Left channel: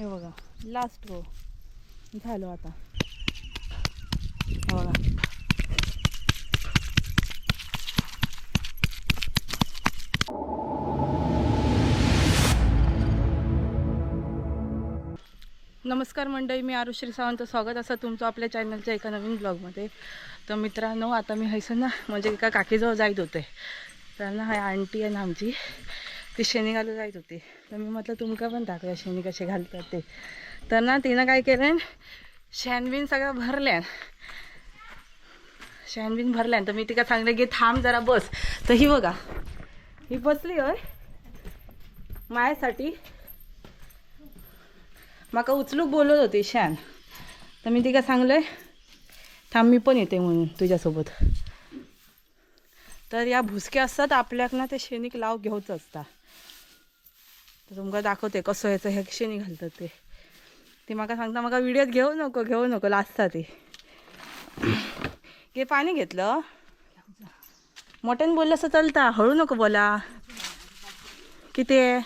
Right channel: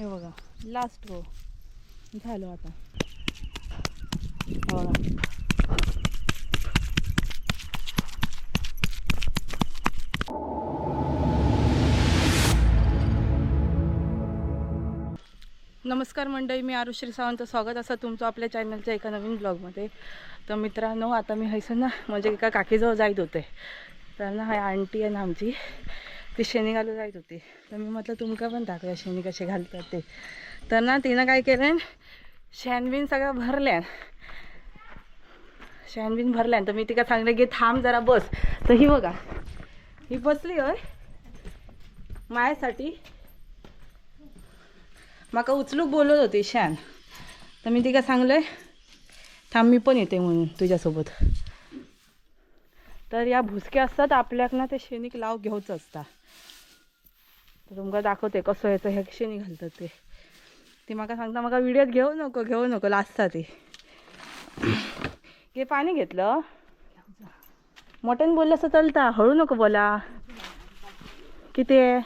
हे बघा लास्ट गो झालो आता. हो बघा. नमस्कार मंडळी मी आरुश्री सावंत. स्वागत असं तुमचं आपल्या चॅनलच्या एका नवीन ब्लॉगमध्ये तर मित्रांनो आता मी हैसून ना म्हणजे एका काकीजवळ जायत होते त्यांना हाय आंटी आहे ना आमची ती शेणी घालू जायत होती. तर मी म्हटलं तुमका पण दाखवूया शेणी कसे घालतात ते. तर ना तिनं काय केलं शॅनबीन सगळं भरल्यान शॅनबीन भरल्यान तर मी तिका सांगले की थांब जरा बस. तर ही बघा ही बसली होय. मायासाठी माका उचलूक बोलत होती शॅन तर मी तिका सांगलंय थांब मी पण येते म्हणून तुझ्यासोबत. तर या भुसक्या असतात आपल्याक ना ते शेणीक लाव घेऊच असता. तर तुमका दाखवते कसं याचं हे शेणी घालतात ते. ती म्हाका सांगता म्हाका विडियोत घेऊ नको घेऊ नको लाजता ती. घे पाणी घेतलं. मोठ्याने बोललं असं चलता हळू नको बोला. किती आहे?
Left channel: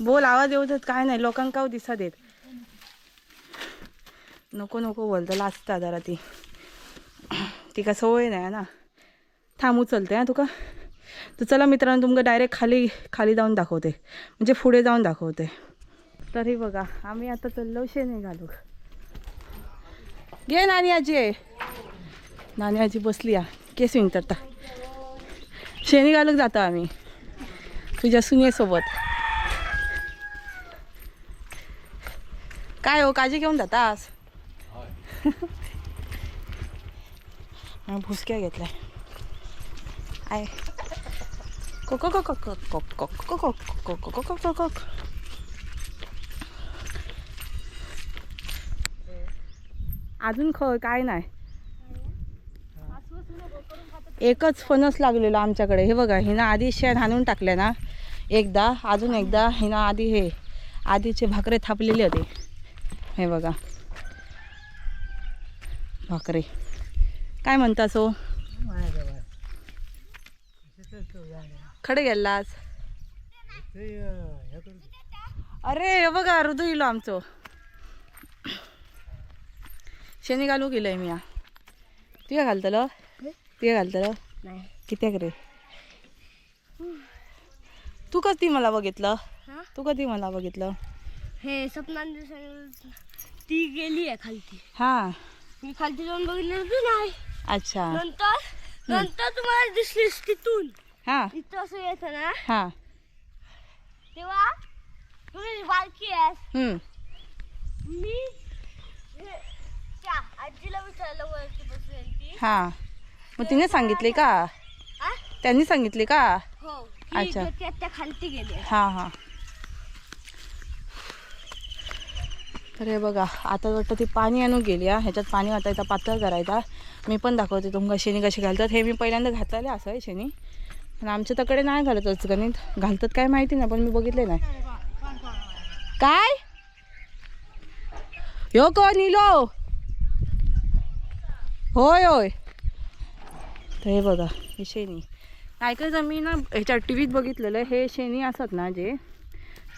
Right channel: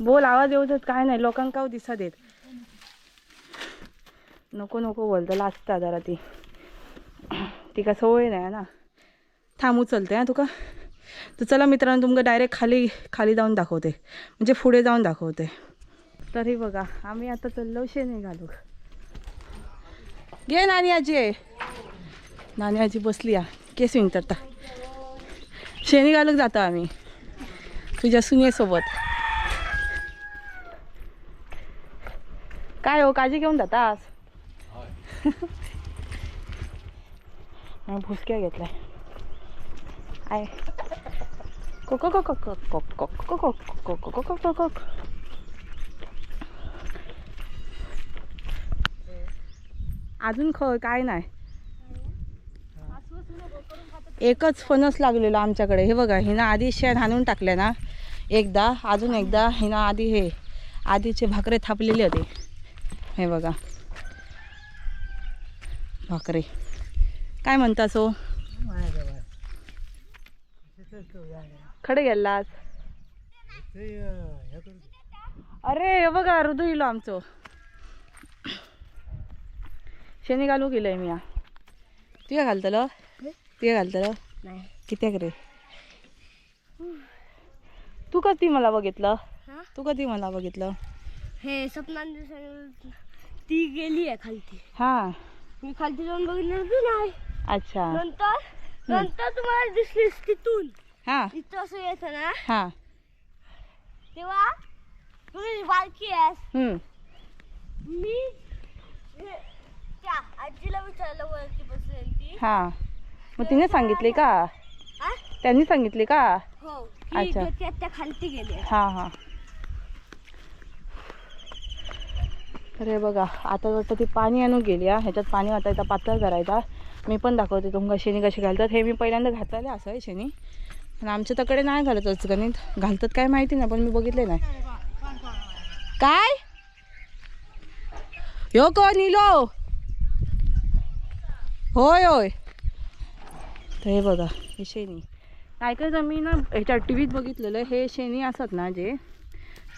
बोल आवाज येऊ देत काय नाही लोकांका का दिसा देत. नको नको बोलतं लाजता जरा ती. ती का सवय नाही ना. थांब उचलते हा तुका? तर चला मित्रांनो तुमका डायरेक्ट खाली खाली जाऊन दाखवते. म्हणजे पुढे जाऊन दाखवते. तरी बघा आम्ही आता चाललो शेणे घालू घे नानी आजी. आहे नानी आजी बसली या केस विंतरता शेणी घालूक जातो आम्ही. तुझ्या सुनेसोबत काय हो काळजी घेऊन जातास? मग भुसक्या घेतलाय. आहे कोको कोको कोको कोको कोको कोको कोको अजून ख काय नाही. एकच फणस लागलेलो आमच्याकडे. हे बघा हिनं आधी शेण हाणून टाकले ना. एकदा अजून एकदा हिनं आधी हे आधीचे भाकरे थापलेले होते. हे बघा. भाकरे. काय म्हणता सो? खडे गेलास अरे हे बघा हृदय इलो आमचं. शेणी घालू गेलंय मी तुया घालतलं? तुया घालतलं? नाही कित्याक रे? तू कधी मला बघितलं? तू कधी मला बघितलं? हे सपनान ती गेली आहे खालती. हां. मी खालती जाऊन बघितलं तू नाही अच्छा. नंतर नंतर तुम्हाला दिसलीस तिथून. हां. इथं असं येतं ना? हां. तेव्हा तुम्ही बारकी आहेस. हम्म. मी हे- त्या आजीला विचारलं वरती बसेल ती. हां. मग तिने सांगितले का? हा? त्यांनी सांगितले का? हो. की अच्छा. ते- त्या त्या खालती गेले हां हां. तर हे बघा आता वाटतं ती पाणी आणून गेली हा. ह्याच्यात पाणी वाटायचा पातळ करायचा. मी पण दाखवते तुमका शेणी कशी घालतात. हे मी पहिल्यांदा घातलेले असं आहे शेणी. पण आमच्या तकडे नाही घालत गणित घालतात काय माहिती नाही पण मी बघितले नाही. काय? यो कोण इलो? होय होय. तर हे बघा हे शेणी. ऐकायचं मी ना ह्याच्या टी व्हीत बघितलेलं हे शेणी असतात ना जे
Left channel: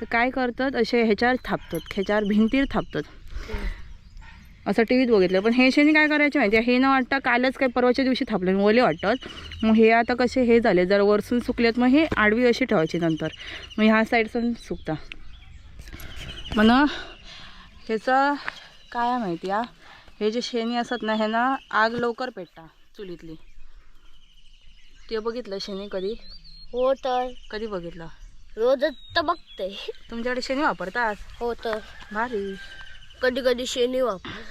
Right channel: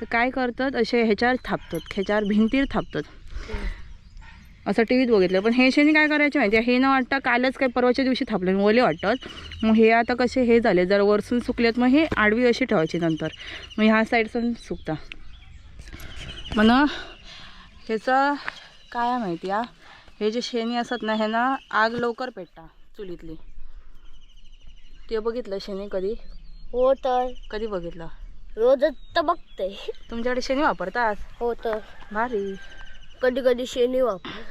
तर काय करतात असे ह्याच्यावर थापतात ह्याच्यावर भिंतीवर थापतात. असं टी व्हीत बघितलं. पण हे शेणी काय करायचे माहिती आहे हे न वाटतं कालच काय परवाच्या दिवशी थापले ओले वाटतात मग हे आता कसे हे झाले? जर वरसून सुकलेत मग हे आडवी अशी ठेवायची नंतर. मग ह्या साईडसून सुकता. मग ना ह्याचं काय माहिती आहे हे जे शेणी असतात ना ह्यांना आग लवकर पेटता चुलीतली. ते बघितलं शेणी कधी? हो तर. कधी बघितलं? रोजच तर बघते. तुमच्याकडे शेणी वापरतात? हो तर. भारी. कधी कधी शेणी वापर.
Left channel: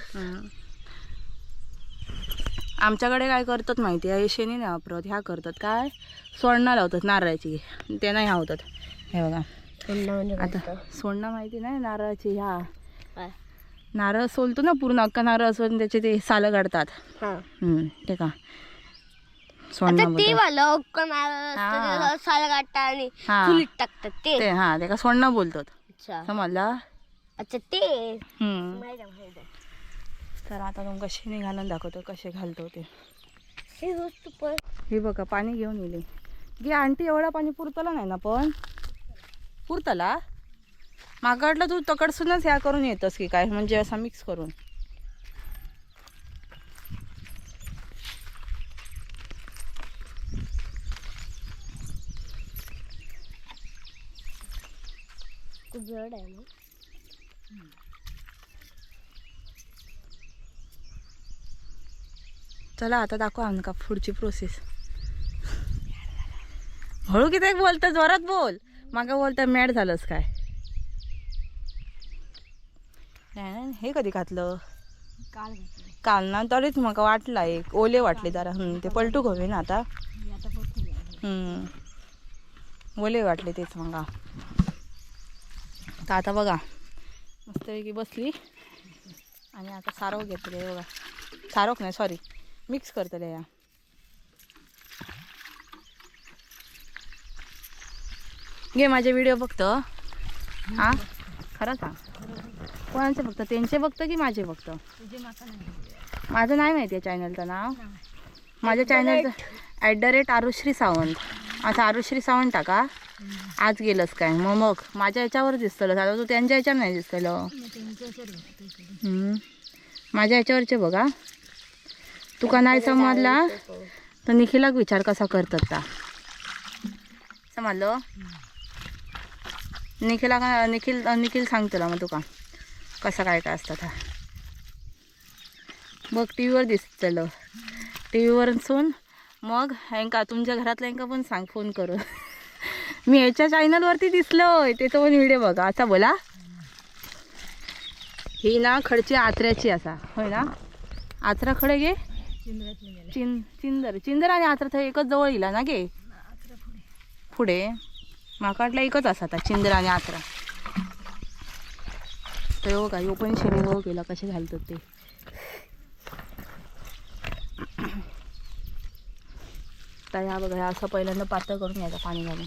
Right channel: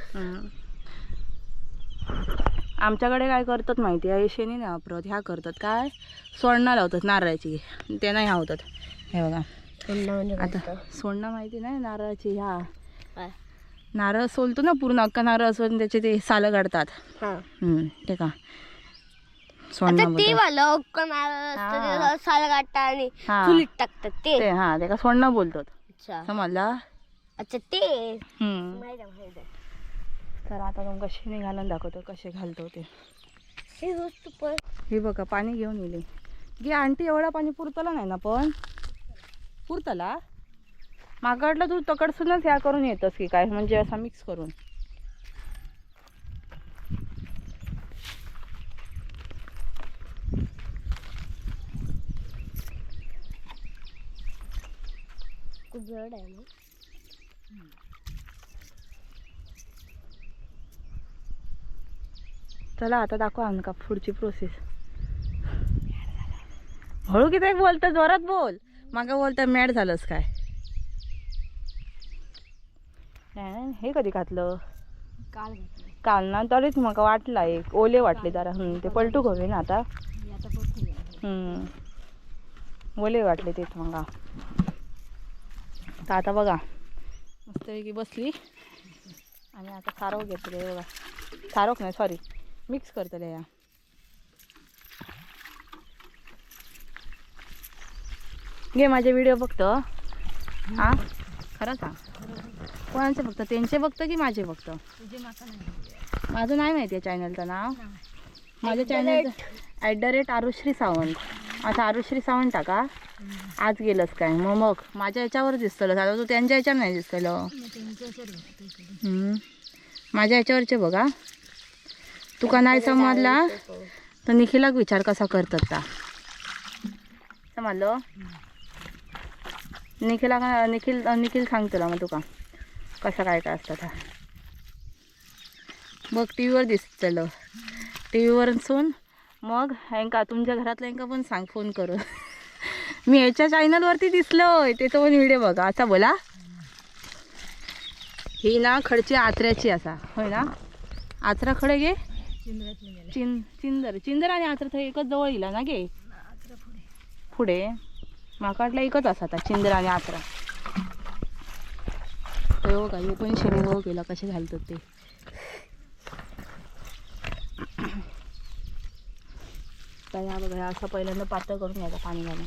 आमच्याकडे काय करतात माहिती आहे? शेणी नाही वापरत ह्या करतात. काय? सोडणं लावतात नारळाची. ते नाही होतात हे बघा. म्हणजे आता सोडणं माहिती नाही? नारळाची ह्या. नारळ सोलतो ना पूर्ण अख्खा नारळ असून त्याचे ते सालं काढतात. हा. हम्म, ते का? आता सोडणं ते बोलतात. वालं अक्कनार हा. साल काढतात आणि हा. चुलीत टाकतात ते. ते हा ते का सोडणं बोलतात. अच्छा. समजला? अच्छा ते. हम्म. तर आता तुमका शेणी घालून दाखवतो कसे घालतो ते. हे वस्तू पण. हे बघा पाणी घेऊन येले गे आंटी एवढा पाणी पुरतला नाही ना पण? पुरतला? वाटलं तू तकडसूनच ह्या करून येतस की काय? म्हणजे असा मिक्स करून. खूप जड आहे मग चला आता दाखव आमका पुढची प्रोसेस हळू किती बोलतं जोरात बोल. मागा बोलता मॅड झालंस काय? नाही, हे कधी घातलं? काल काल ना? तरीच म्हाका वाटला एक ओले वाटले जरा. ते पलटू आता. मी आता. ओले वाटले तेच मग. आता बघा. मस्तपैकी बसली. आणि आता सारव घेतले बघा. सारवक नाही सॉरी मिक्स करतले या. घे माझे व्हिडिओ बघतो हा? खरं सांग कोणाचे बघतं त्यांचे बघतं की माझे बघतं माझं नाही माहिती आहे चॅनलचं नाव. माझ्या चॅनलचं at the rate Arushri Sawant. आता आरुश्री सावंत का? आज गेलंच काय? मग मग. माझ्या याच्यावर दिसतलं. आता तू त्यांच्या याच्यावर नाही दिसतलं. माझ्या याच्यावरचे बघा. तुका नाही समजला? तर निखिलाक विचार कसा करतात ता. समजलं? निखिला निखिल निखिल सांगतला मग तुका कसं काय काय असतं हा बघ टी व्हीवर दिसतलं. टी व्हीवरसून मग ह्यांका तुमच्या घरातल्या हेंका पण सांग फोन करून. मी याच्या चॅनलवरती दिसलोय त्याचा पण व्हिडिओ बघा. असा बोला. ही ना खडची आत्र्याची असा. होय ना? आत्रा खडे गे? चिंद्रातले चिं चिंदर. चिंदर आणि आचरा थंय एकच जवळ येला ना गे? पुढे. माका वाटलं एकच असा आता चिंदर आणि आत्रा. हो का यो पण शेणी हो गेला कसे घालतात ते. आता या बघा असं पहिल्यांदा पातळ करून घ्यायचं पाणी घालून.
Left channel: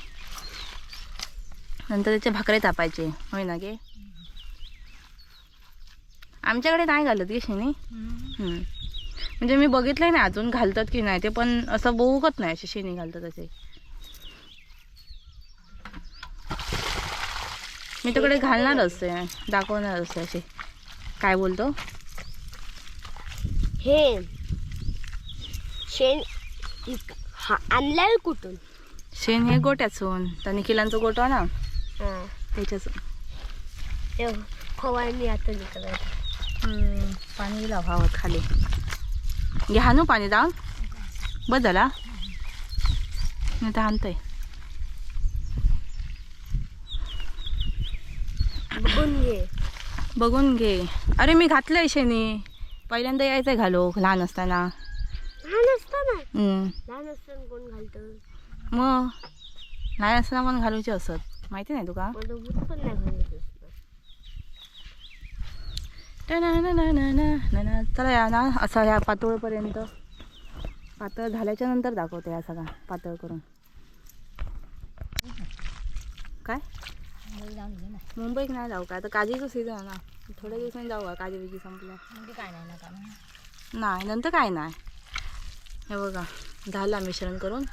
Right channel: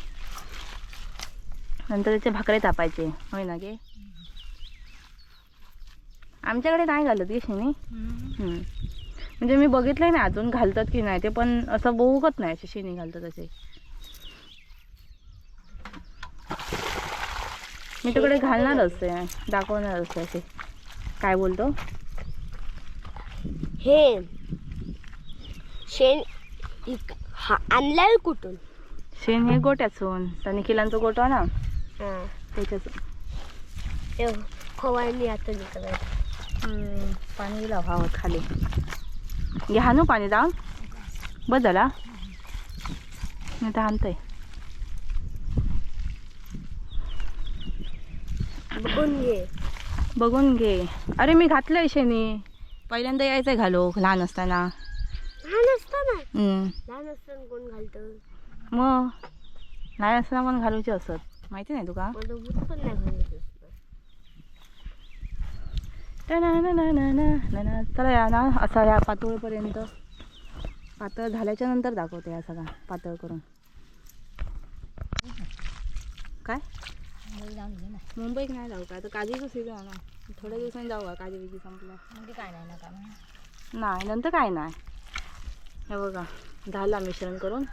नंतर त्याचे भाकरे तापायचे होय ना गे? आमच्याकडे नाही घालत गे शेणी हम्म. म्हणजे मी बघितलंय ना अजून घालतात की नाही ते पण असं बहुकत नाही असे शेणी घालतात असे. मी तिकडे घालणार असते दाखवणार असते असे. काय बोलतो? हे शेण हा आणलाय कुठून? शेण हे गोट्याचून तर निखिलांचा गोटा ना हा. त्याच्याच ते फवारणी आता निघालाय. पाणी भावात खाली. घ्या ना पाणी बस झाला नाही तर आणतंय. बघून घे. बघून घे. अरे मी घातलंय शेणी. पहिल्यांदा यायचंय घालो लहान असताना. लहान असताना कोण घालतं? मग लहान असताना पण घालूचे असत. माहिती नाही तुका? पण नाही. चला या ना असा या पातळपर्यंत. पातळ झाल्याच्यानंतर दाखवते या सगळा पातळ करून. काय? मुंबईत नाही जाऊ का? आता काजीचं सीझन आहे ना. थोड्या दिवसांनी जाऊ का? काजी बिजी संपल्या. म्हणजे काय नाही ना का? नाही नंतर काय नाही. हे बघा झाला मिश्रण करून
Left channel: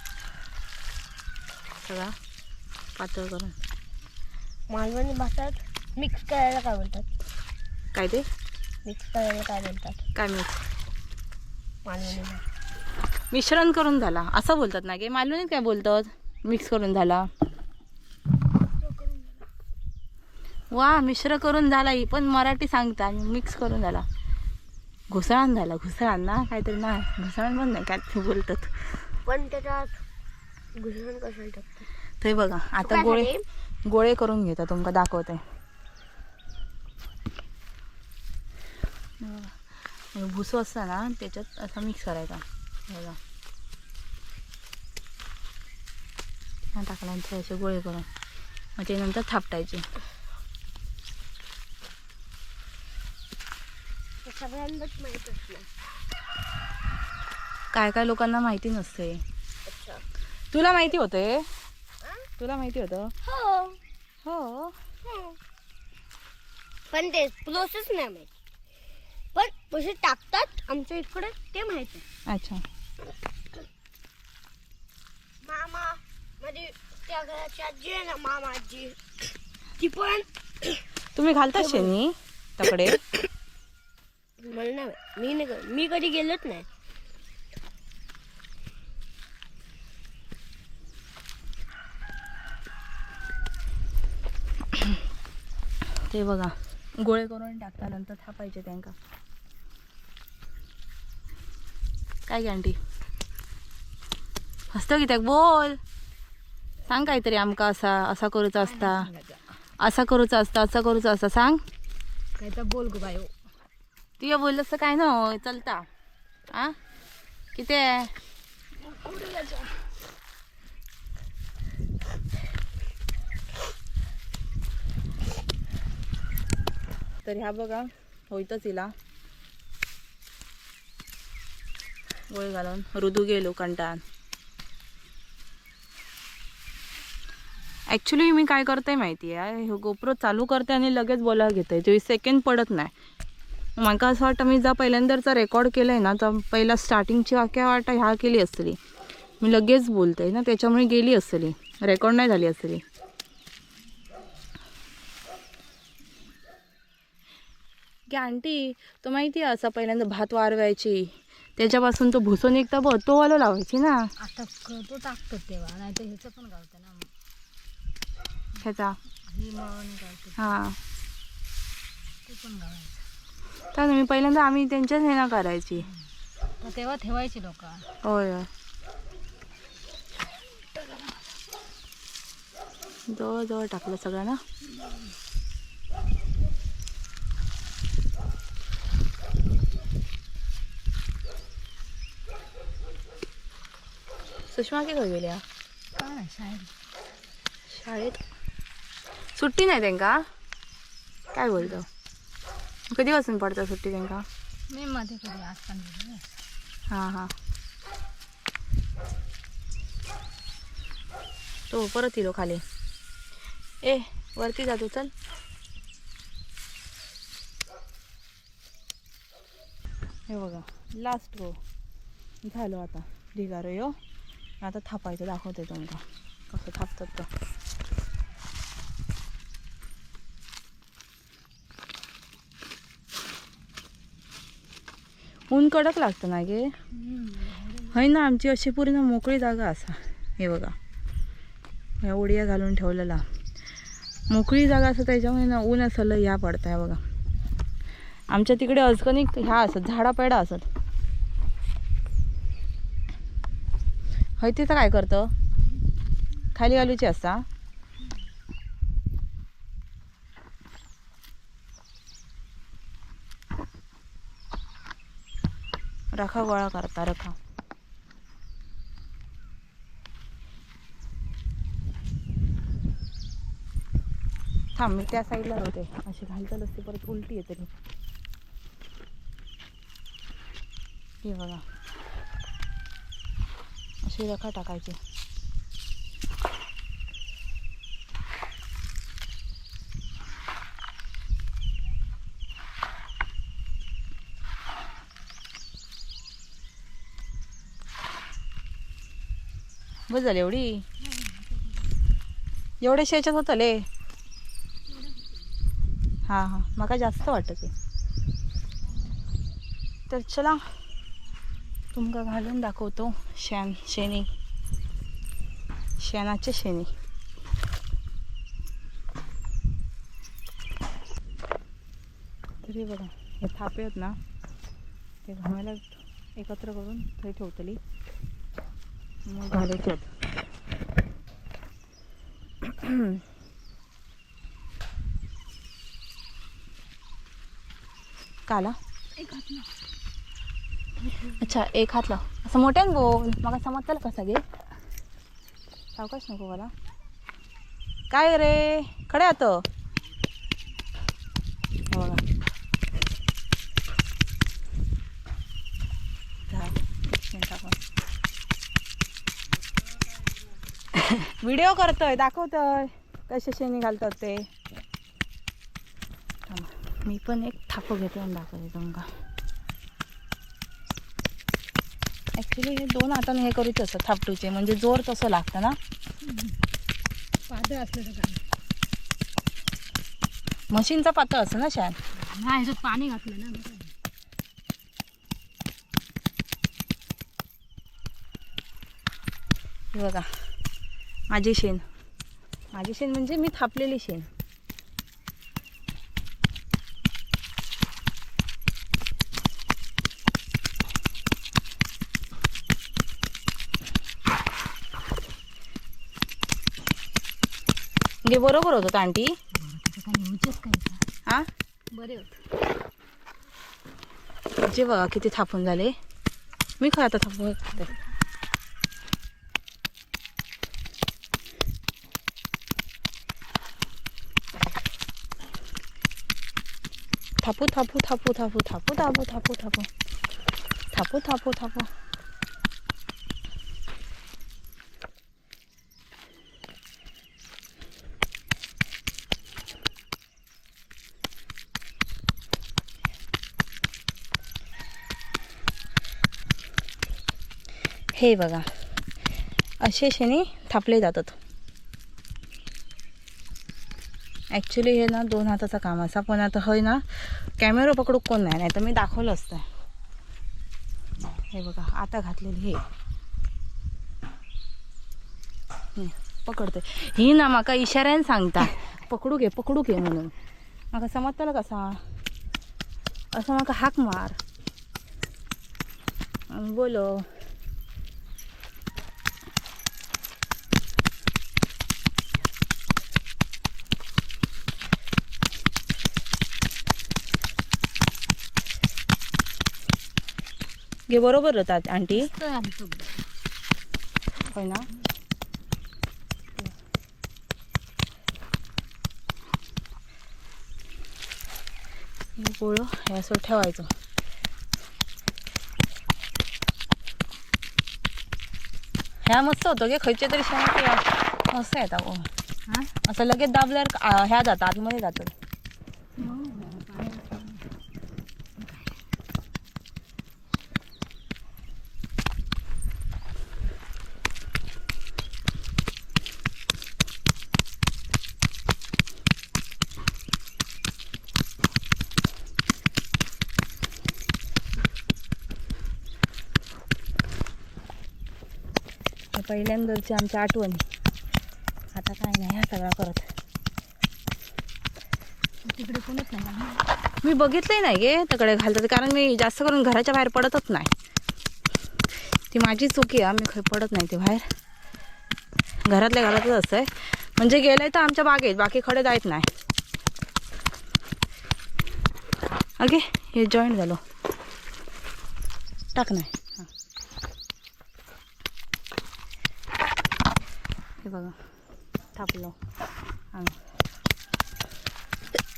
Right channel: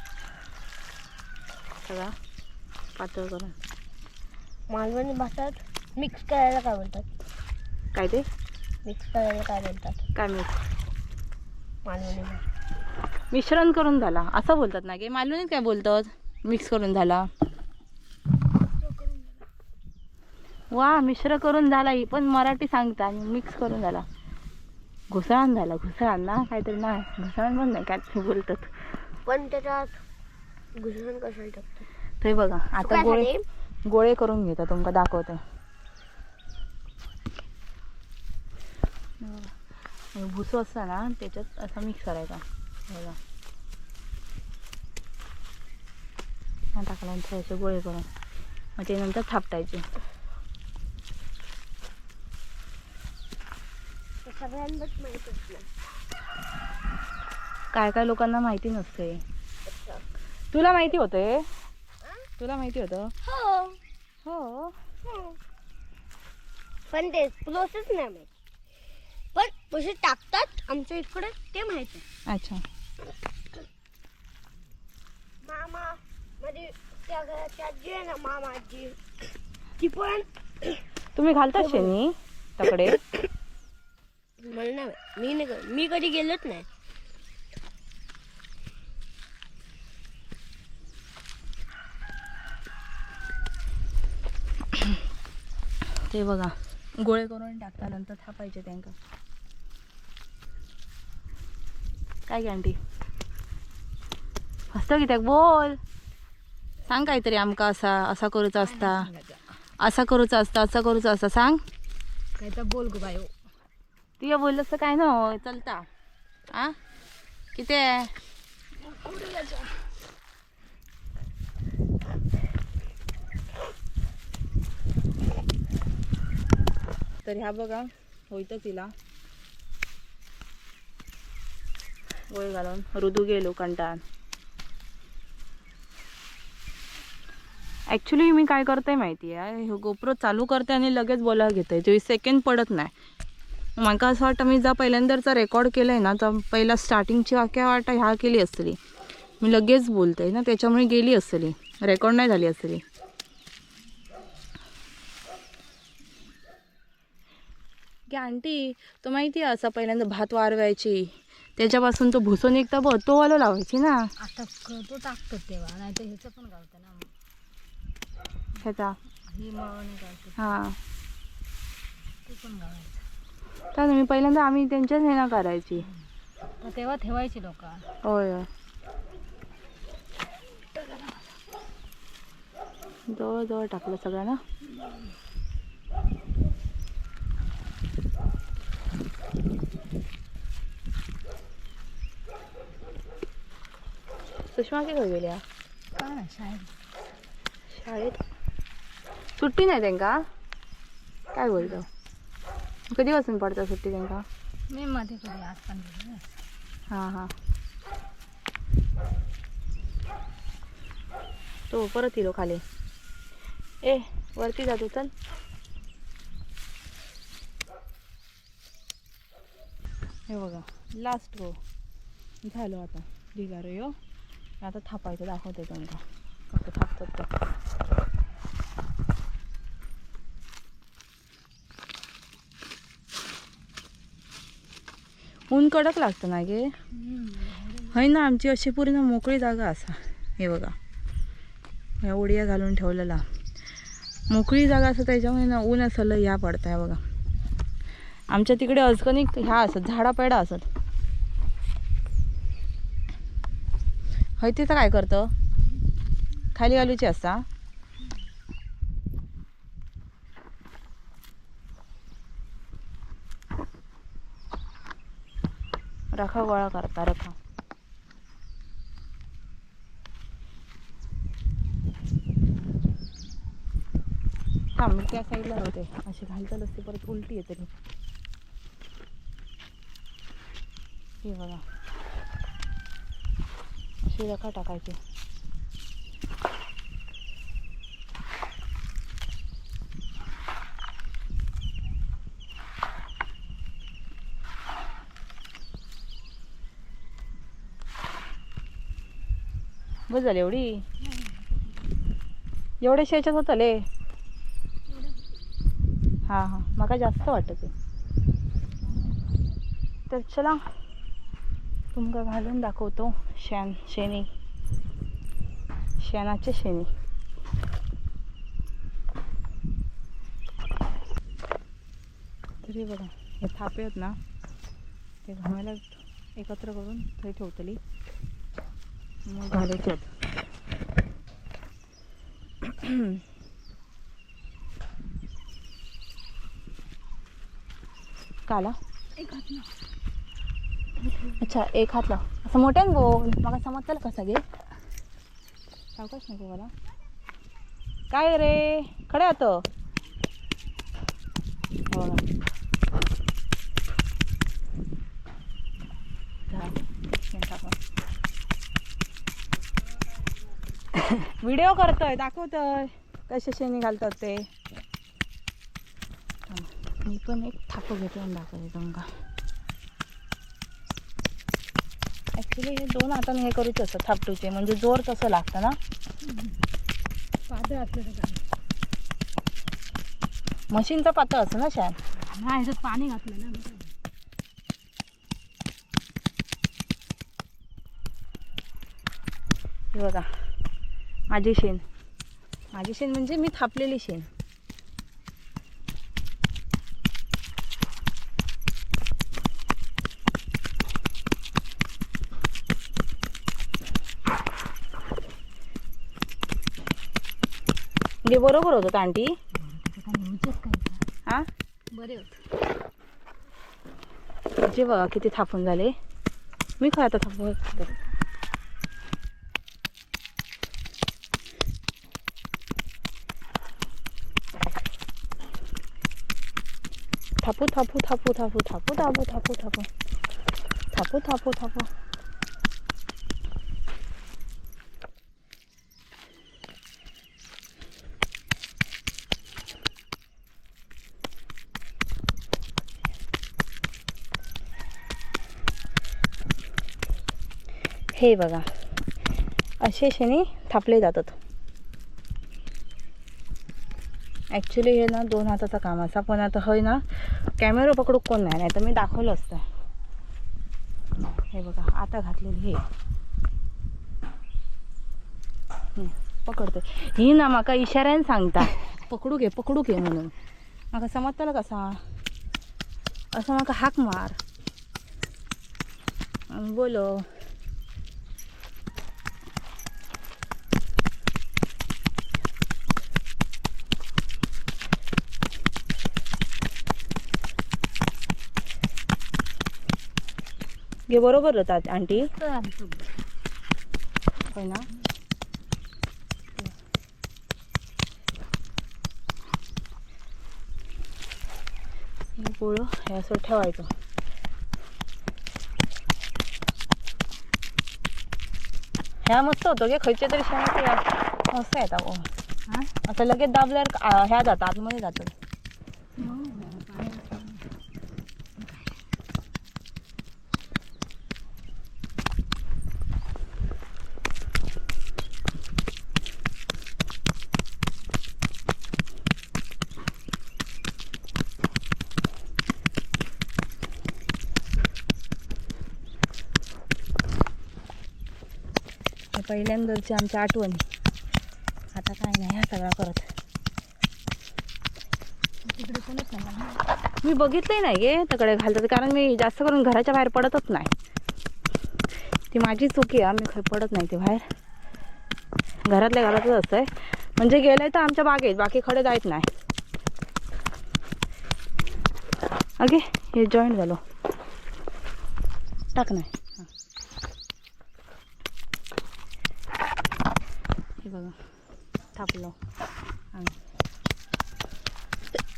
सगळा पातळ करून. मालवणी भाषात मिक्स करायला काय बोलतात? काय ते? मिक्स करायला काय बोलतात? काय मिक्स मालवणी भाषा मिश्रण करून झाला. असं बोलतात ना की मालवणीत काय बोलतात? मिक्स करून झाला. वा मिश्र करून झाला. ही पण मराठी सांगता आणि मिक्स करून झाला. घुसळण झाला घुसळण ना? काहीतरी ना घुसळण पण नाही काय ते बोलतात. पण त्याच्यात कशाला टाकतात ते बघा आता गोळे? गोळे करून घेता तुमका दाखवते. हे भुसो असता ना त्याच्यात असा मिक्स करायचा. बघा. हा टाकल्यानंतर असे गोळे करून. मग ते नंतर थापटायचे. सगळ्यांनाच माहीत असलं. काय काय लोकांना माहिती नसते. तुला माहिती होते? तुला माहिती होतं? हो. हो. पण ते प्रोसेस नाही माहिती. पण कसे टाकतात आमच्या इकडे ते माहिती अच्छा. मामा म्हणजे त्या घराची आजी आहे ना मामा आजी. ती पण तुम्ही घालता शेणी तकडे? मला नाही. मी नाही मी कधी गेलोच नाही. ते बघा गोळे करून टाकता नंतर थापायचे त्यांका. काय गे आंटी? हसतो की त्याक बोल. सांग काहीतरी आमका असा असा करूचा असता. असा करूचा असता असा करूचा असता. सांग. काय तर बोल गो बायो. तुया बोललं काय ना चलता. आ? किती आहे? तर ह्या बघा होईतच तिला गोळ घालून रुदू गेलो कंटाळून. ॲक्च्युली मी काय करते माहिती आहे गोप्रो चालू करते आणि लगेच बोलायला घेते चोवीस सेकंड पडत नाही. म्हाका असं वाटतं मी जा पहिल्यांदाचा रेकॉर्ड केलं आहे ना तर पहिला स्टार्टिंगची वाक्या वाटा ह्या केली असली. मी लगेच बोलते ना त्याच्यामुळे गेली असली. रेकॉर्ड नाही झाली असली. की आंटी तो माहिती आहे असं पहिल्यांदा भात वारवायची. त्याच्यापासून तो भुसून निघता बघ तो वाला लावायची ना. आता तो टाकतो तेव्हा नाही तर ह्याचं पण गावतं ना ह्याचा. ही हां. ते पण गावायचं तर मी पहिल्यांदा आम्ही त्यांच्याच हे ना करायची. तेव्हा ठेवायची लोक. होय होय. जवळ जवळ टाकलं सगळं ना सुषमा की खंय गेल्या शाळेत? सुट्टी नाही त्यांका? काय बोलतो? कधीपासून पडतं सुट्टी त्यांका मी मध्ये कधी आज पण गेले हां हां. तो परत येलो खाली. ए वरती जातो चल. हे बघा लास्ट गो झालो आता. ढिगारो यो. आता थापायचं दाखवते तुमका कसं थापतात ऊन कडक लागतं ना गे. हय ना आमची अशी पूर्ण मोकळी जागा असा. हे बघा. ह्या ओडिया घालून ठेवलेला. मोकळी जागा असं त्याच्यामुळे ना ऊन असं लय ह्या पडतं आहे बघा. आमच्या तिकडे अजकनिक ह्या असत झाडा पेडा असत. हय तिथं काय करतं? खाली घालूची असता? रखा गोळा करता रखा. हां मी त्या साईडला होते अशी घालतात असते परत उलटी येते मी हे बघा. अशी रखा टाकायची. बस झाली एवढी? एवढ्या शेच्यात होतं ले. हां हां. मला जास्त वाटत तर चला तुमका घालून दाखवतो शेण शेणी. शेणाचे शेणी. तरी बघा हे थापे आहेत ना ते घामायला एकत्र करून थंय ठेवतली. मग घालायचे आहेत काला अच्छा एक हातला असं मोठ्यान बोल मग समजतं का सगळे? सावकाश नको मला काय रे? खडे आत बघा झालं. शेण टाकून. व्हिडिओ करतोय दाखवतोय. कसे शेणी घालतात ते. मी पण एक थाप घेते आणि दाखवते तुमका ॲक्च्युली हे दोन हाताने हे करूच असतं थापटूचे म्हणजे जोर तसं लागतं ना. पातळ काय मशीनचा पातळ असं ना शान? नाही ह्याच्यात पाणी घातलं ना. बघा. माझी शेण. माझी शेण म्हणजे मी थापलेली शेण. म्हणजे बरोबर होतं आंटी? हा? बरे होत जे बघा किती थापून झाले. मी खा आता थापून खाते. थापू थापू थापू थापू थापू थापू थापू थापू थापू थापू थापू हे बघा असे शेणी थापले जातात ॲक्च्युली हे ना दोन हाताचं काम असा पण आता हय ना कॅमेरा पकडू कोण नाही नाही तर मी दाखवलं असतं. हे बघा आता घातलेली हे. पकडते ही ना म्हाका इशाऱ्यान सांगता पकडू घे पकडू घे म्हणून. म्हाका समजतलं कसा? असं म्हाका हाक मार. बोलो घे बरोबर होतात आंटी. होय ना? हे गोळं हे असं ठेवायचं. ह्या मस्त होतं गे खयचे तरी शेण मस्त येतात असं लगेच दाबल्यावर ह्या जातात आतमध्ये जातात हे पहिल्यांदाची आमच्या आठवण. आता काय नाही ह्या सगळा करत. तिकडे कोणच नाही मी बघितलंही नाही गे तकडे घालतात कारण मी जास्त करून घराच्या बाहेर पडतच नाही. ती माझी चुकी आहे मी खरं पडत नाही ती बाहेर. घरातल्या घरातच असतंय. म्हणजे गेलंय तर आमच्या बागेत बाकी खडे जायत नाही. अगे हे जॉईंट झालो. टाक नाही हां हे बघा थापलो हां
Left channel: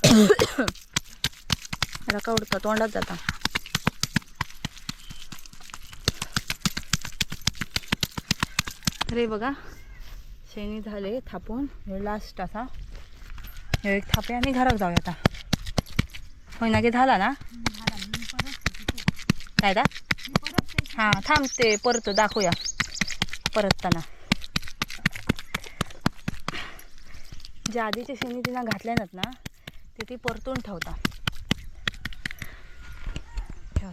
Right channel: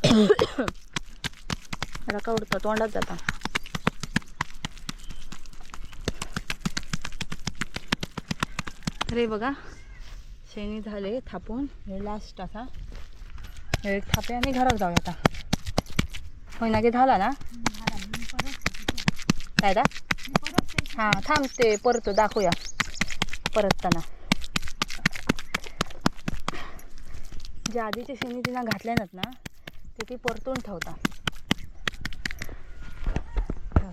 का उडतं तोंडात जाता. अरे बघा शेणी झाले थापून. हे लास्ट असा. हे एक थापे आणि घरात जाऊया आता. होय की झाला ना? काय दा हां थांबते परत दाखवूया. परतताना. जे आधीचे शेणी तिनं घातल्या नाहीत ना ते ती परतून ठेवता.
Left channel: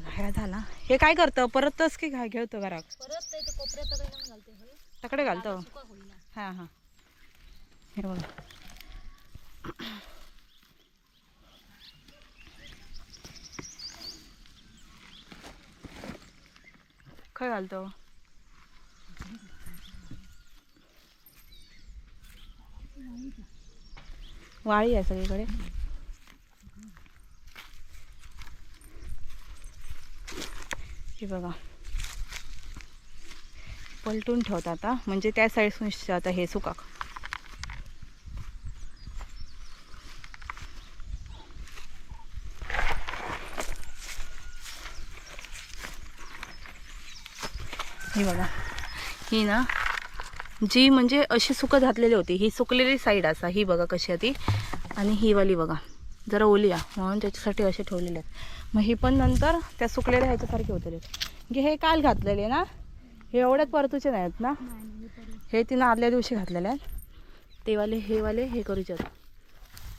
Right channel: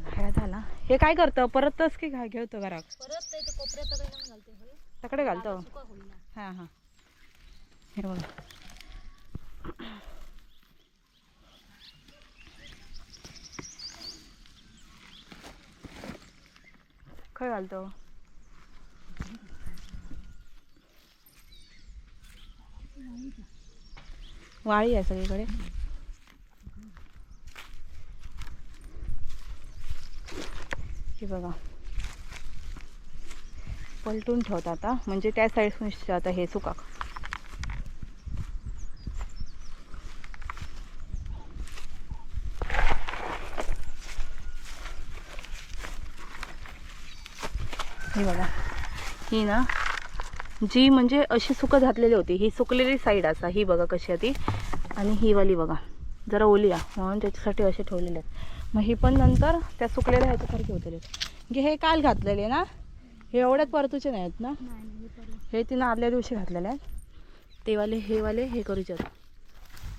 हे झाला हे काय करतं? परतच की काय घेतो घरात? परत ते कोपऱ्यात घालते तकडे घालतो. हां हां. हे बघा. खय घालतो. वाळी आहे सगळीकडे. हे बघा. पलटून ठेवतात आता. म्हणजे त्या साईडसून आता हे सुका. हे बघा. ही ना जी म्हणजे अशी सुकं घातलेली होती. ही सुकलेली साईड असा. ही बघा कशी आहे ती. आणि ही वाली बघा. जरा ओलिया म्हणून त्याच्यासाठी असे ठेवलेले आहेत. मग ही पण नंतर त्या सुकलेल्या ह्याच्यासारखे होतले. म्हणजे की हे काल घातलेले ना? हे एवढ्यात परतूचे नाहीत ना? हे तिनं आदल्या दिवशी घातलेले आहेत. ते वाले हे वाले हे करूच्यात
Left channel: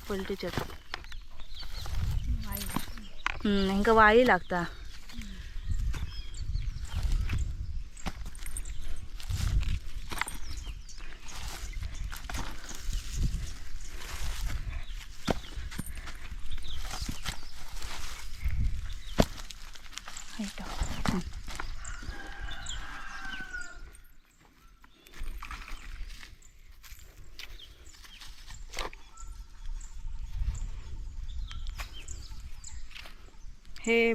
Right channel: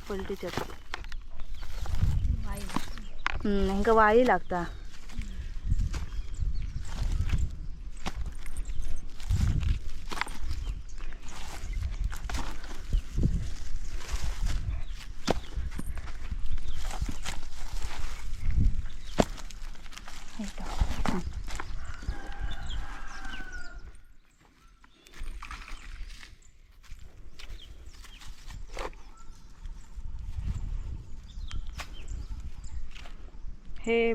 पलटीच्यात वाई लागता.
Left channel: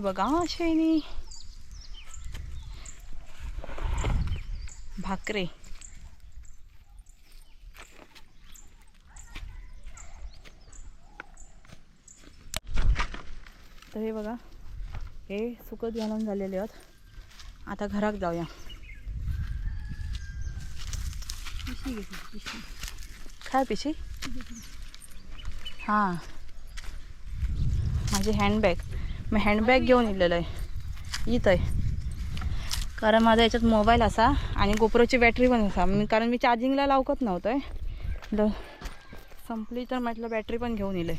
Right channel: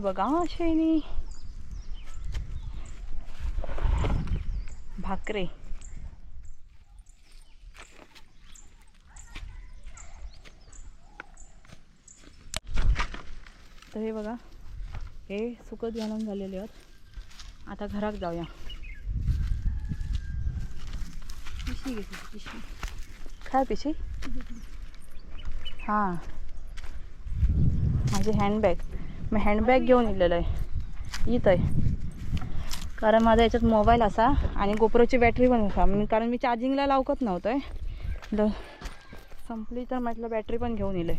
बघा शेणी भाकरे. तर हे बघा हे सुकत घालून झालेले आहेत. आता घरात जाऊया. पिशवी घेतली पिशवी काय पिशवी हां. माझी हँडबॅग मी हँडबॅग घेऊन इलेलं आहे. इथं आहे. कारण माझा याच्यात मोबाईल असा आणि गोप्रोची बॅटरी पण असा. मी कारण मी चार्जिंगला लावकत नव्हतं आहे ल संपली तर म्हटलं बॅटरी पण घेऊन येईल.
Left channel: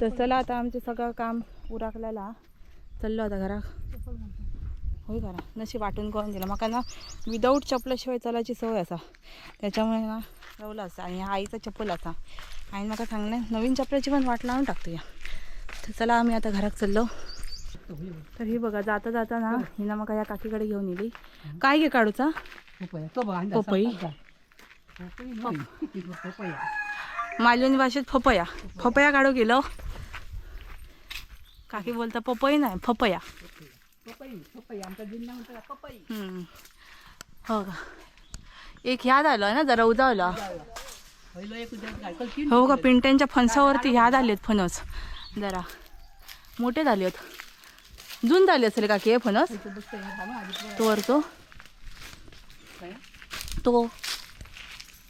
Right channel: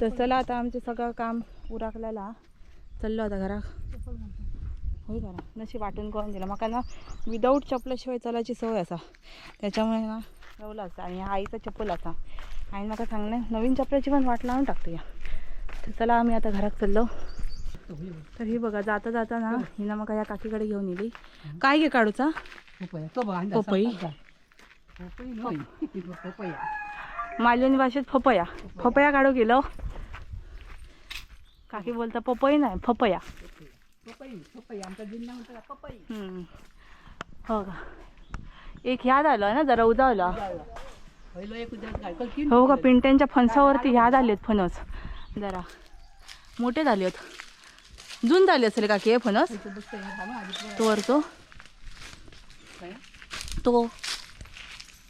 तर चला आता आमचं सगळं काम उराकल्याला चाललो आता घरा होय करा नशी वाटून करून दिलं. मका ना विदाऊट चपलाशिवाय चालायची सवय असा. त्याच्यामुळे ना रवलं असं. आणि आईचा चप्पल असा. आणि मका चांगलं नवीन चपलाची पण वाट लावून टाकतो या. तर चला आम्ही आता घरात चाललो. तर ही बघा जाता जाता ना हिना मग या काकीकडे घेऊन येली. काय घे काढूचा? पपई. मालवणी भाषेत फपया. फपया काढू गेलो. काकी बोलता पपई नाही फपया. हो का? एक याद आलं ना जरा उजावला हो का? पिंट्यांच्या फणसावरती ह्याद आलेत फणस. जरा. मोठे झालेत. जून झाले असेल काकी हे फणस? तो वर तो तो.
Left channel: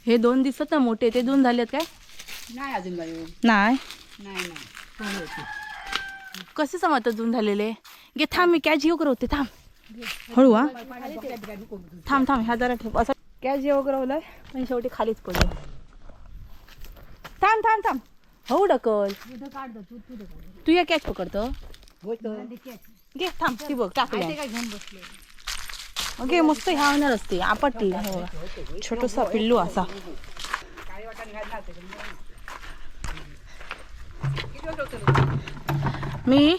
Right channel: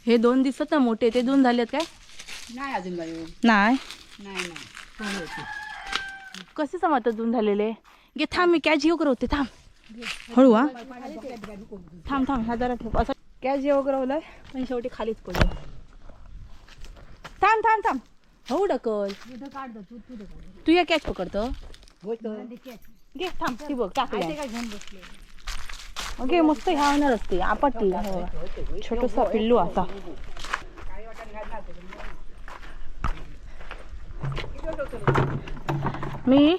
हे दोन दिसत ना मोठे ते दोन झालेत काय? नाही अजून बाई नाही. कसे समजतात जून झालेले? घे थांब मी कॅच घेऊ करवते थांब. हळू हा. थांब थांब ह्या जरा ठेव. असं कॅच घेऊ करवलंय पण शेवटी खालीच पडलं. थांब थांब थांब. हो ढकल. तू या कॅच पकडतो. घे थांब ती बघ टाकलं घे मस्त ह्या होणार असते आपटली हो. छोटसा पिल्लू असा. मी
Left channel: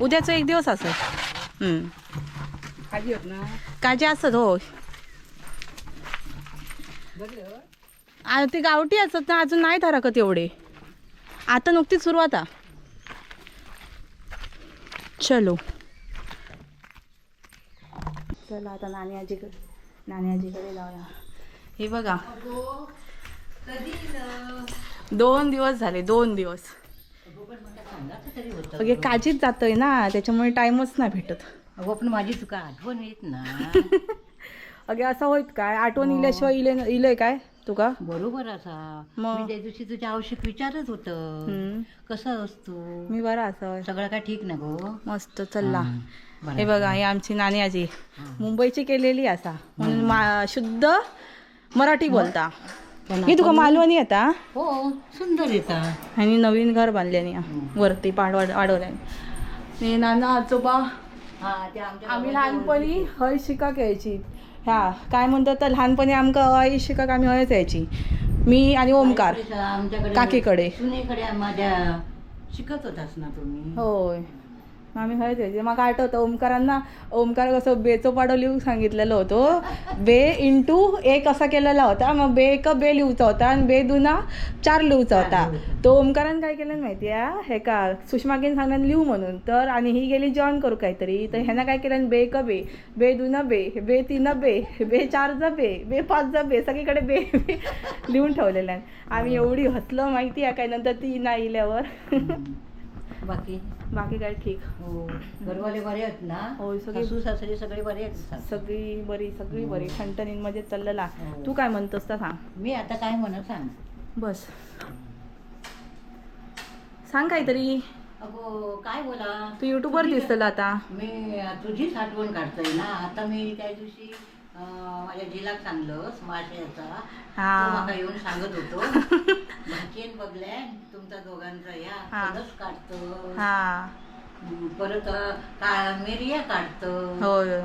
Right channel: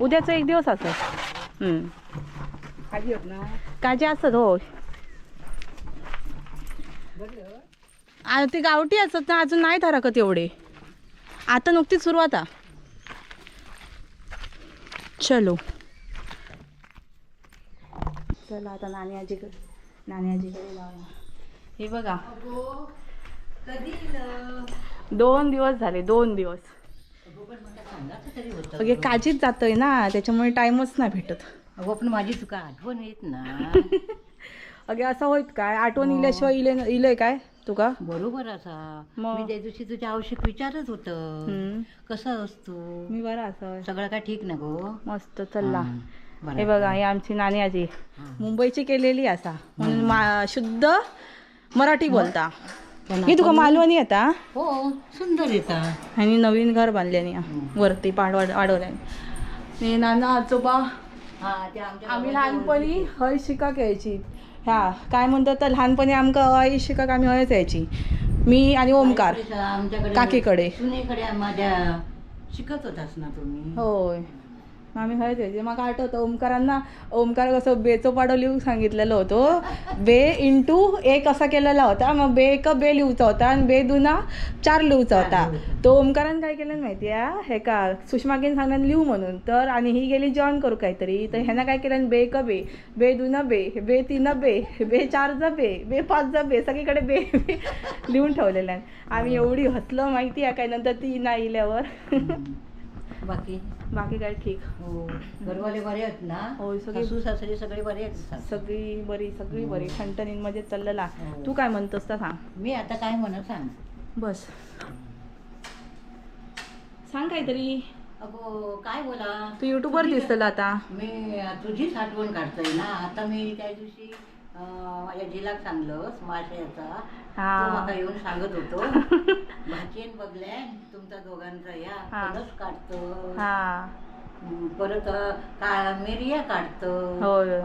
उद्याचा एक दिवस असेल हम्म. खाली होत ना. काजे असत हो आ, ते गावठी असत ना अजून नाही धरकत एवढे. आता नुकतीच सुरुवात आ. चलो. चला आता नानी आजीकडे नानी आजीकडे जाऊया. हे बघा. दोन दिवस झाले दोन दिवस. अगे काजीच जातोय ना त्याच्यामुळे टाइमच नाही भेटत. अगो पण माझी तुका आठवण येत ना. अगे असं होईत काय? आठवण इल्याशिवाय इले इलंय काय? तुका बरोबर असा. मग? मी त्या दिवशी तुझ्या आवश्यक विचारच होत. हम्म. कसं असतो? मी बरा असं सगळं काय ठीक ना गो? मस्त चल्ला हं, बरं. हे बघा ही आमची नानी आजी. मुंबईची केलेली असा. म्हणून मा- शुद्ध मराठी बोलता. पण ही तुका मालवणी येता हो सुंदर येतात आणि नवीन घर बांधल्याने वरती पाड वाढवल्याने नाना आजोबा. हा ते आमच्या आम्ही लहानपणी हय शिका घ्यायची ह्या काय म्हणतात तर लहानपणी आमका हय शिकाक आम्ही हयच यायची. मी आणि ओमकार. आमच्याकडे काकीकडे. सुनेकडे माझ्या शिकत होतास ना तुम्ही? होय. आम्ही हळद यायचे मग आठवतं ओमकारांना ओमकार कसं बेचो पाडो लिहून सांगितलेलं होतं. बे इंटू एक असा केलेला होता. मग बे एक बे लिहूचा होता आणि बे दुना चार लिहूचा होता. तो ओमकारानं काय केलं माहिती आहे हे का सुषमाकीन सांगण्यान लिहू म्हणून. तर आणि ही गेली जॉईन करू काहीतरी. तर ह्यानं काय केलं? बे क बे. बे दुना बे. बे तीन बे. बे चार जा बे. बे पाच जा बे. सगळीकडे बे बे लिहून ठेवलेलं आहे. आम्ही एवढी हसलं माहिती आहे काय नंतर ती नाही इल्यावर. बाकी. बाकी काय ठीक. हो घरवाले बरे आहेत ना? होय, सगळे- सासू सासरे सगळे बरे आहेत? सगळी बरी सगळी बरी. ठणठणीन मध्ये चाललेला. हो. तू काय म्हणतोस तर सांग. मी आता काय म्हणत सांग? बस. सांग काहीतरी. अगो काय बोला? तू युट्यूबवर दिसतला आता. मी तुझीच आठवण काढतोय ना. आता मी त्या दिवशी माझ्या जिलाक सांगलं माशाचा हा. येऊन सांगत होतो. भाची शेण बघल्या तुमच्या दोघांचा या. काढतो? हा. परत का मेरिया काढतो.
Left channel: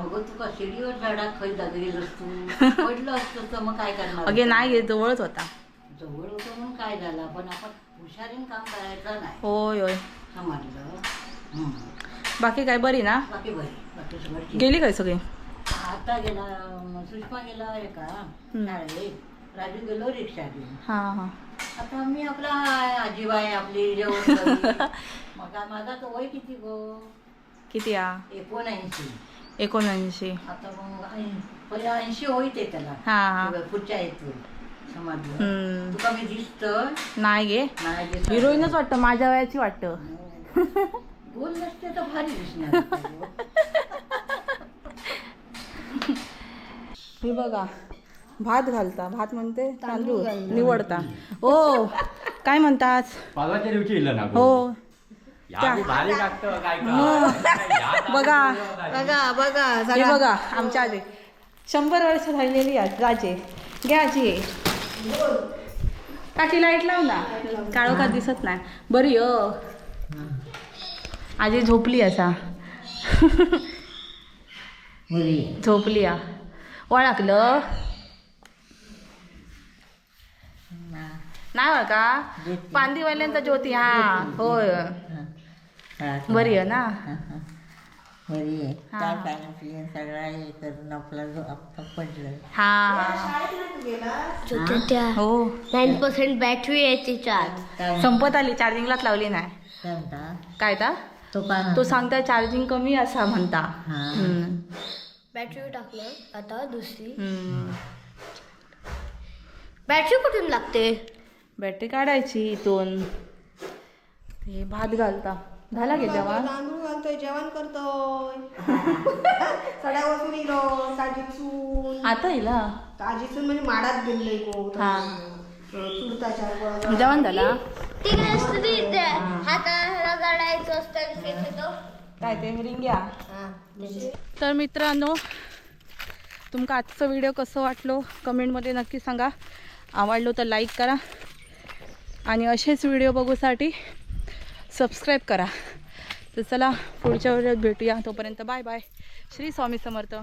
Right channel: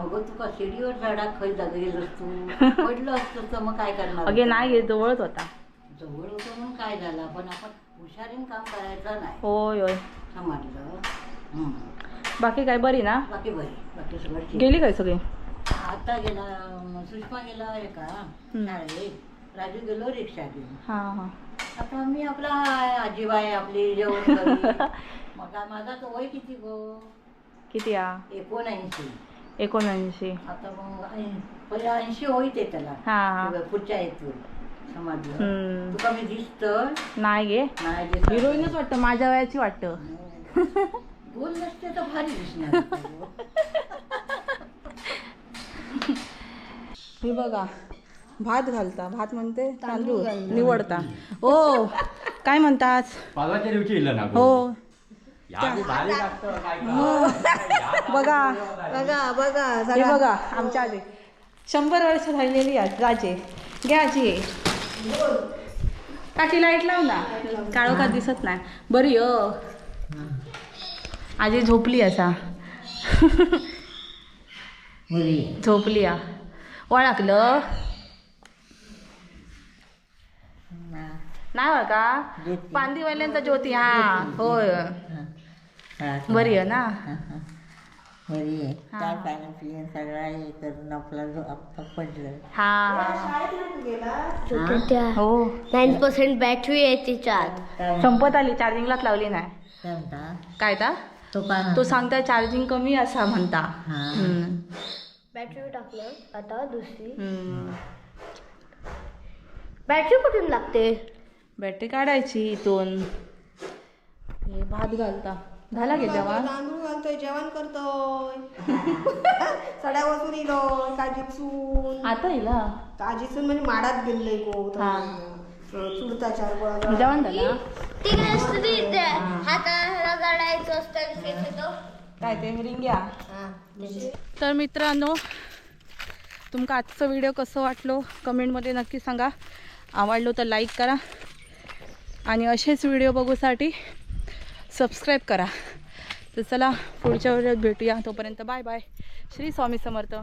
अगं तू का शिडीवर झाडात खय गेलंस तू पडलं असतं तर मग काय करणार? अगे नाही जवळच होता. जवळ होतं म्हणून काय झालं? पण आपण हुशारीन काम करायचं नाही. होय होय. समजलं. बाकी काय बरी ना? बाकी बरी. बाकी सगळं. गेली काय सगळी? आता गेला अं, सुषमा गेला आहे का. शाळेत. राजू गेलो रिक्षा घेऊन. हा हा. आता मी आपला आजीबाई आपली जेवण करी. मग माझा तो वय किती गो? किती आ? एकोणऐंशी. एकोणऐंशी. आता मग ऐं- पहिले ऐंशी होईत आहे त्याला. हा हा. पुढच्या येतो समजलं. हम्म. तुका मी दिसत नाही गे. नाही दिसत. हिरोईनच वाटतं माझ्या वयाची वाटतं. गोल नसते तर भारी दिसणार हे बघा भात घालता. भात म्हणते तांदूळ निवडता. हो काय म्हणतात? परवाच्या दिवशी इलं ना हो. का? बघा. बघा बघा हे बघा आमच्या आधी. शंभर वर्ष राहिलेली आहेत राजे. घ्या आजी काकी लाइट लाव ना. काळोखात दिसत नाही. बरी अ आजी झोपली असा. झोपली आ. ओळखलं? नाही का? पांदीवाल्यांचा ज्योती हा होय. बरी आहे ना? बरी आहे. काय पाणी पिऊन सगळा हे करून आपला जो आपला पडलं. हा. हो? नाईन पर्सेंट बॅटरी आहे संपत आली चार्जिंगलाच लावली नाही. काय काय ता तो का तो सांगता चार्जिंग कमी असा म्हणता. हा. हम्म. बॅटरी टाकलं. आता दुसरी. हम्म. बॅटरी कुठून लागते? बॅटरी काढायची इथून. हे भात घालता. झाला गे जेव्हा तांदूळ घालतोय. जेवण करतोय. सड्या वसून इलो काजीसून आता येला काजीसून म्हणजे माडात गेलोय को हा. चुडता चार गोळा जेवण झाला? हाताला गाडायचं असतं त्याचं काय ते रिंग्या तर मित्रांनो तुमका आजचा व्हिडिओ कसं वाटलो? कमेंटमध्ये नक्की सांगा. आवडलो तर लाईक करा. आणि असेच व्हिडिओ बघूसाठी सबस्क्राईब करा. तर चला पुढच्या व्हिडिओत भेटूया. तोपर्यंत बाय बाय श्री स्वामी समर्थ.